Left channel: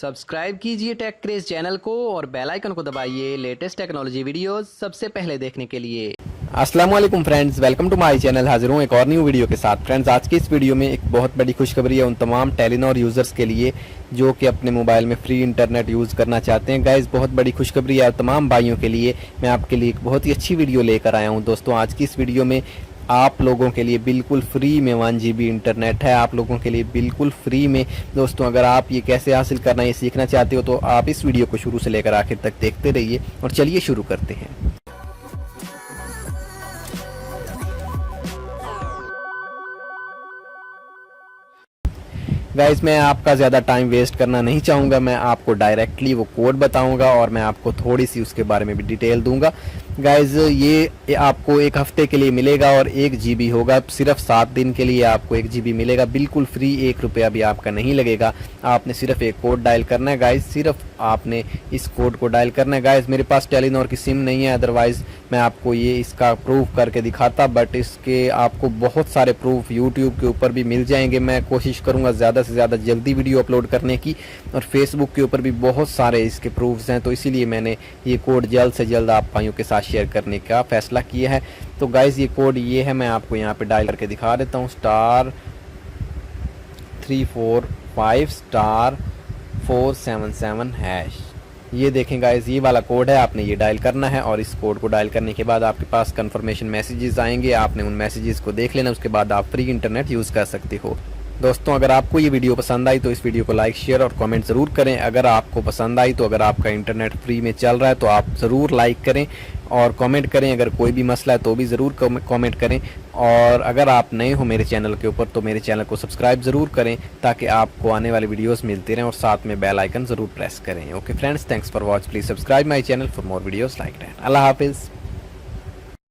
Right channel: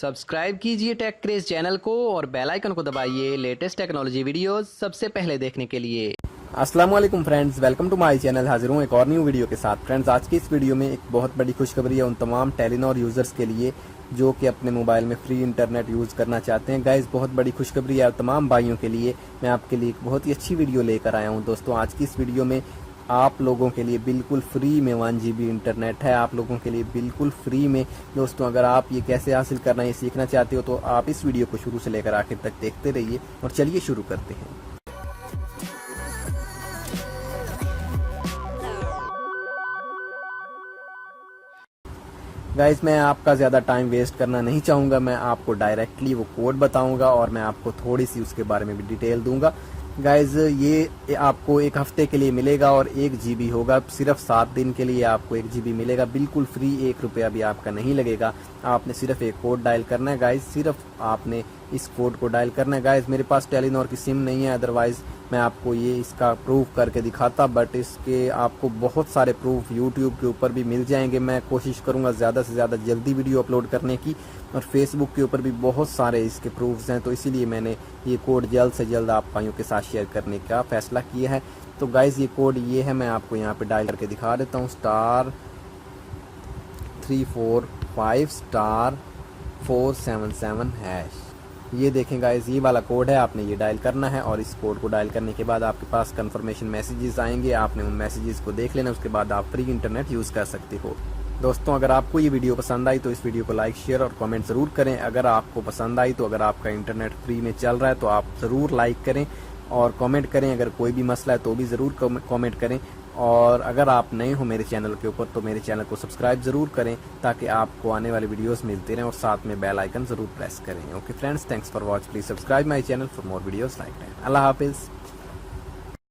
Subscribe कीजिए take craze channel को और बेल आइकन को दबाइए लेटेस्ट टेक्नोलॉजी वीडियोस सबसे पहले देखने के लिए। अस्सलाम वालेकुम friends, welcome to my channel. हाजिर हूँ एक और न्यू वीडियो के साथ। फ्रेंड्स, आज की इस वीडियो में एक बहुत बड़ी खुशखबरी है उन तमाम टेलीनॉर यूज़र्स के लिए जो कि अपने मोबाइल में फ्री इंटरनेट यूज़ करना चाहते हैं। गाइस, बहुत बड़ी खुशखबरी है तमाम भाइयों के लिए। मैं आपके लिए एक बहुत ही अच्छी वीडियो लेकर आया हूँ। दोस्तों, आज की इस वीडियो में आप लोगों के लिए बिल्कुल फ्री में 1 GB इंटरनेट है, आप लोगों के लिए बिल्कुल फ्री में। दोस्तों, अगर आप ये कैसे हासिल करना ये सीखना चाहते हो तो आप इस वीडियो को शुरू से लेकर आखिर तक देखते रहिए। और चलिए शुरू करते हैं। गाइस, मैं आपका ज़्यादा टाइम वेस्ट करना नहीं चाहूँगा। मैं आपको डायरेक्टली वो कोड बताऊँगा और मैं आपको थोड़ी सी उसके बारे में भी डिटेल दूँगा। गाइस, ये आपको एक हफ्ते के लिए मिलेगा और 1 GB होगा। सिर्फ 7 दिन के लिए आपको 1 GB मिलेगा, बिल्कुल फ्री। 1 रुपया भी आपका नहीं लगेगा। आपने सिर्फ एक कोड डायल करना है गाइस, सिर्फ आपने इस कोड को डायल करना है। गाइस, मेरे पास टेलीनॉर की सिम नहीं है, अदरवाइज़ मैं आपको ये इसका प्रूफ करके दिखाता, बट इसके आपको बहुत सारे प्रूफ यूट्यूब के ऊपर भी मिल जाएंगे। मैं कोशिश करूँगा ज़्यादा से ज़्यादा जल्दी वीडियो अपलोड करने की, और फेसबुक के ऊपर भी बहुत सारे इसके प्रूफ्स हैं, तो इसीलिए मैंने ये कोड जल्द से जल्द आप भाइयों के साथ शेयर करने का फैसला किया है। तो गाइस, ये कोड ये है, मैं आपको यहाँ पे डायल करके दिखा देता हूँ। *345*477#। ये देखें गाइस, ये वाला कोड है, आपने ये डायल करना है और इस कोड को डायल करने के बाद आपके पास कंफर्मेशन मैसेजेस आएंगे। आपने उन मैसेजेस को देख लेना, उसके बाद आप फ्री इंटरनेट यूज़ कर सकते हो। दोस्तों, अगर आपको ये वीडियो पसंद आई तो इस वीडियो को लाइक, शेयर और कमेंट ज़रूर करें। अगर आपको पसंद आई तो अगर आपका इंटरनेट फ्री में चल रहा है तो आप ज़रूर लाइक करें और कमेंट करें। अगर कोई भी मसला है तो भी ज़रूर कमेंट करें। और अगर आप नए हो मेरे चैनल के ऊपर तो मेरे चैनल को सब्सक्राइब ज़रूर करें ताकि आपको आने वाले वीडियोस मिलते रहें, और साथ में बेल आइकन ज़रूर प्रेस करें। Okay friends, thanks for watch. Please subscribe my channel for more videos like that. Allah हाफिज़।